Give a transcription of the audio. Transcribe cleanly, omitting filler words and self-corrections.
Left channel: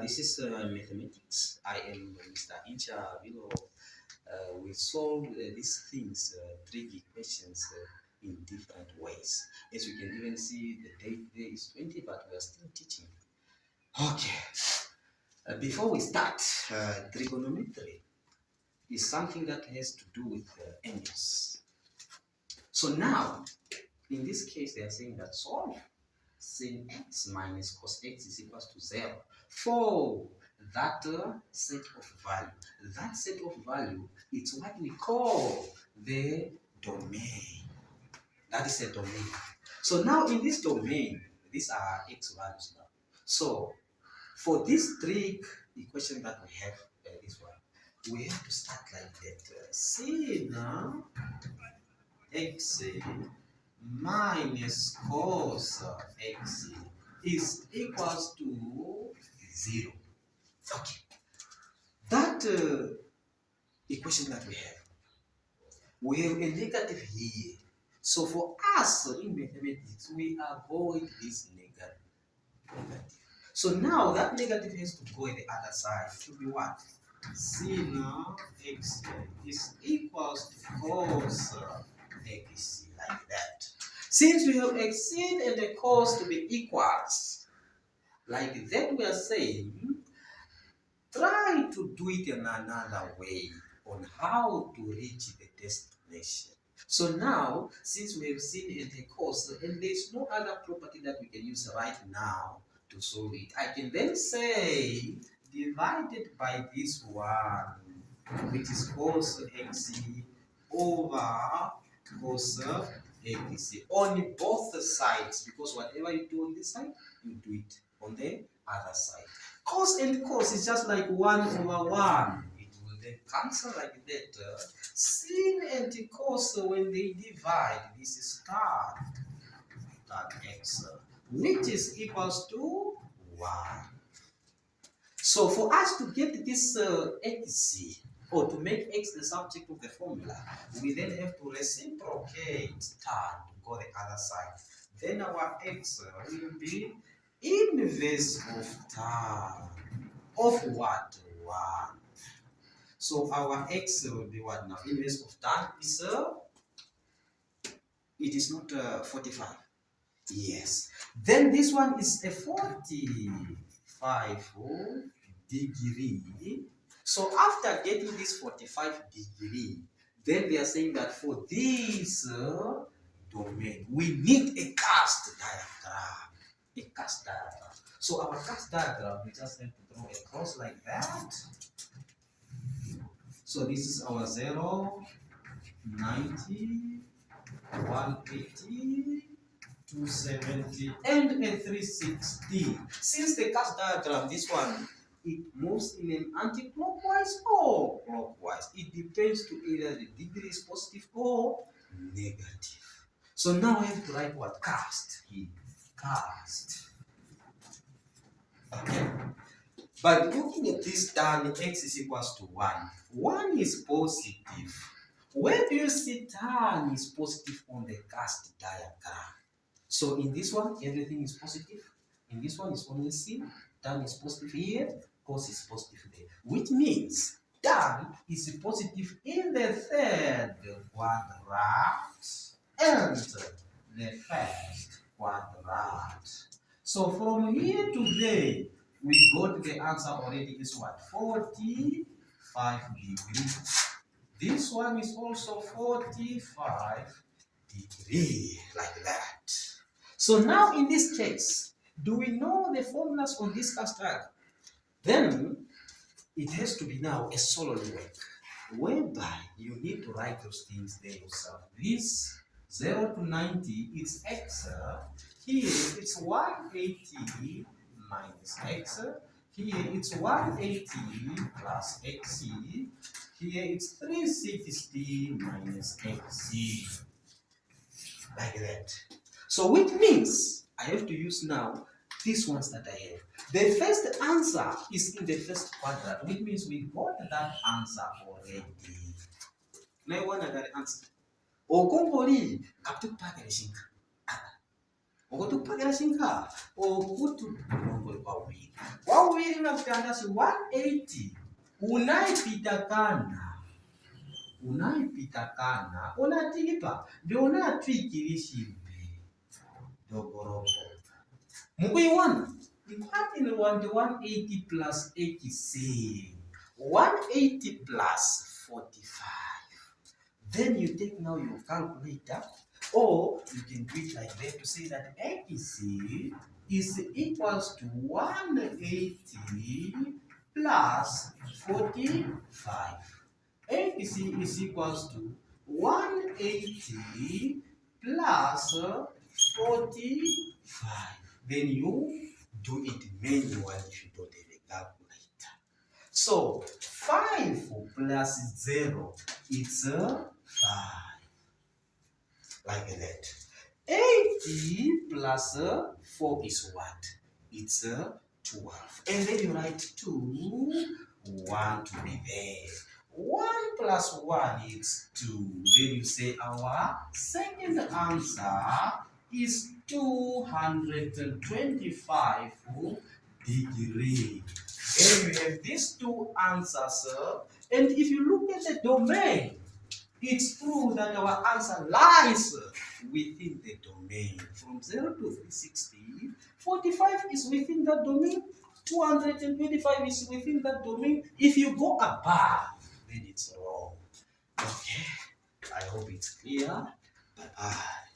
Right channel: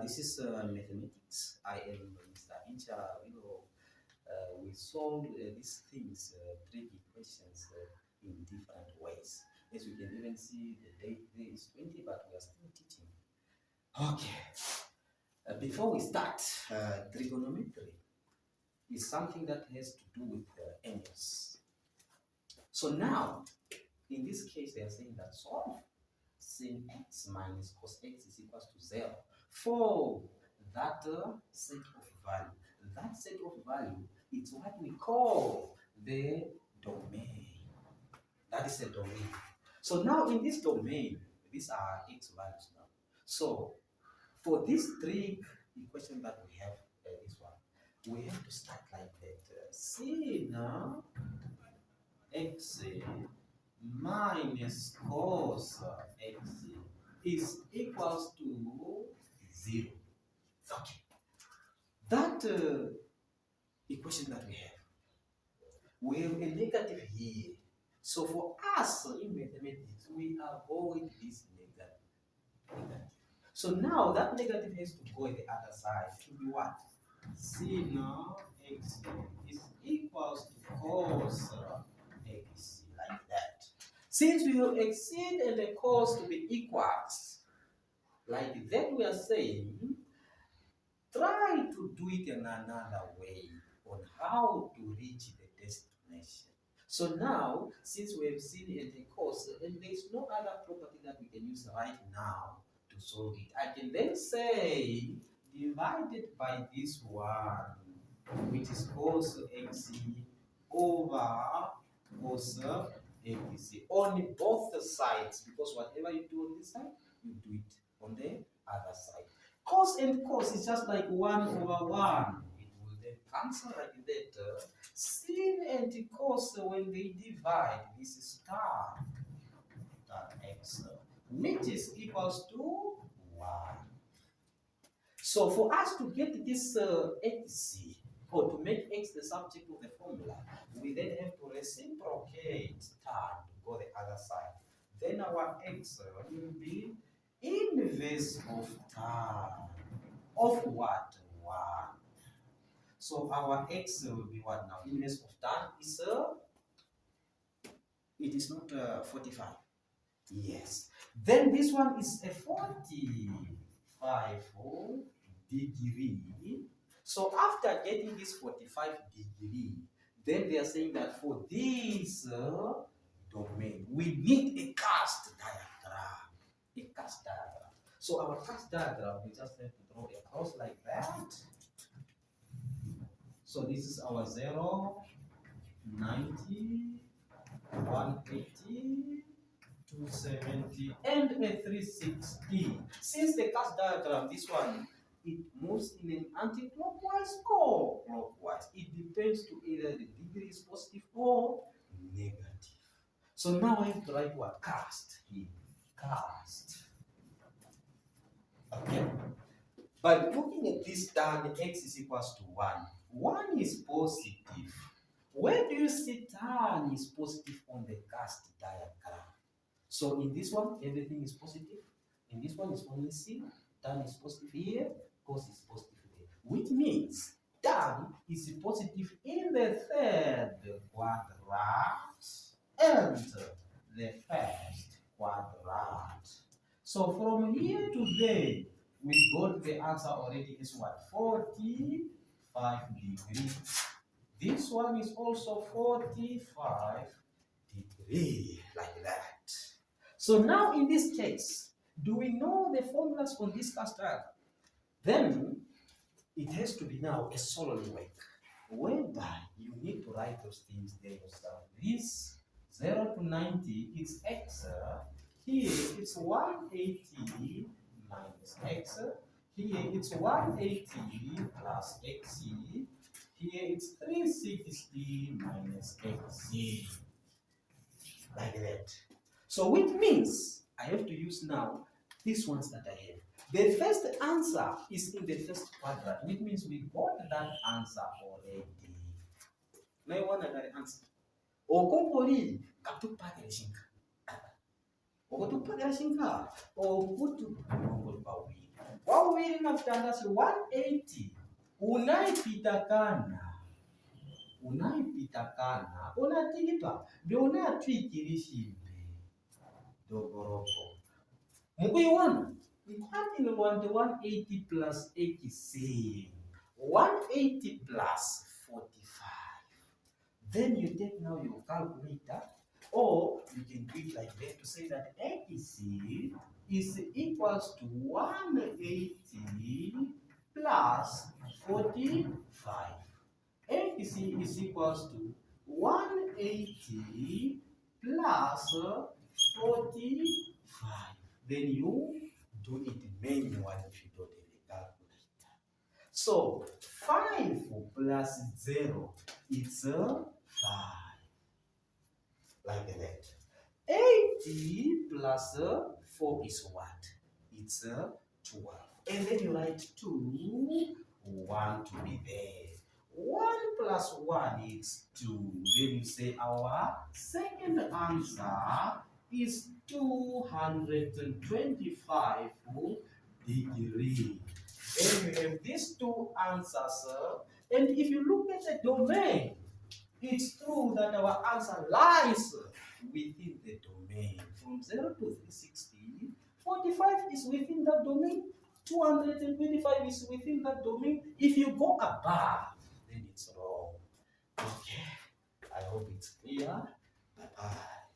This is mathematics. I am Mr. Incha Vilo. We solve these things, trig equations, in different ways. As you can even see, the date today is 20, but we are still teaching. Okay. Before we start, trigonometry is something that has to do with angles. So now, in this case, they are saying that solve sin x minus cos x is equals to 0 for that set of value. That set of value, it's what we call the domain. That is a domain. So now in this domain, these are x values now. So for this trig equation that we have, this one, we have to start like that. Sin x minus cos x is equals to 0. Okay. That equation that we have a negative here. So for us in mathematics, we avoid this negative. So now that negative has to go in the other side to be what? Sin x is equals to cos x, like that. Since we have a sin and a cos to be equals, like that we are saying, try to do it in another way on how to reach the destination. So now, since we have sin and a cos, and there's no other property that we can use right now to solve it, I can then say divided by this one, which is cos x over cos x on both sides, because whatever you do on this side, you do it on the other side. Cos and cos is just like 1 over 1. It will then cancel like that. Sin and cos, when they divide, this is tan x, which is equals to 1. So for us to get this x, or to make x the subject of the formula, we then have to reciprocate tan to go the other side. Then our x will be inverse of tan of what? 1. So our x will be what now? Inverse of tan is it is not 45. Yes. Then this one is a 45 degree. So after getting this 45 degree, then they are saying that for this domain, we need a cast diagram. A cast diagram. So our cast diagram, we just have to draw a cross like that. So this is our 0, 90, 180, 270, and a 360. Since the cast diagram, this one, it moves in an anti-clockwise or clockwise. It depends to either the degree is positive or negative. So now I have to write what? Cast. Cast. Okay. By looking at this tan, x is equals to 1. 1 is positive. Where do you see tan is positive on the cast diagram? So in this one, everything is positive. In this one, is only C. Tan is positive here. Cos is positive there. Which means tan is positive in the third quadrant and the first quadrant. So from here to there, we got the answer already is what? 45 degrees. This one is also 45 degrees, like that. So now in this case, do we know the formulas on this cast diagram? Then it has to be now a solid work, whereby you need to write those things there yourself. This 0 to 90 is x. Here it's 180 minus x. Here it's 180 plus x. Here it's 360 minus x. Like that. So which means I have to use now these ones that I have. The first answer is in the first quadrant, which means we got that answer already. Now one other answer. Okompoli kaptukupakela shinka. Okotukupakela shinka. Okutu okompoli kwa wili kutandasi 180 unaipitakana unatipa ndionatwikilishimbe dogoropo mukuiwana ikwatile wante 180 plus 86 180 plus 45. Then you take now your calculator, or you can do it like that to say that x is equals to 180 plus 45. x is equals to 180 plus 45. Then you do it manually if you don't have a calculator. So 5 plus 0, it's 5. Like that. 80 plus 4 is what? It's 12. And then you write 2, 1 to be there. 1 plus 1 is 2. Then you say our second answer is 225 degrees. And you have these two answers. And if you look at the domain, it's true that our answer lies within the domain. From 0 to 360, 45 is within that domain, 225 is within that domain. If you go above, then it's wrong. Okay, I hope it's clear. Bye-bye.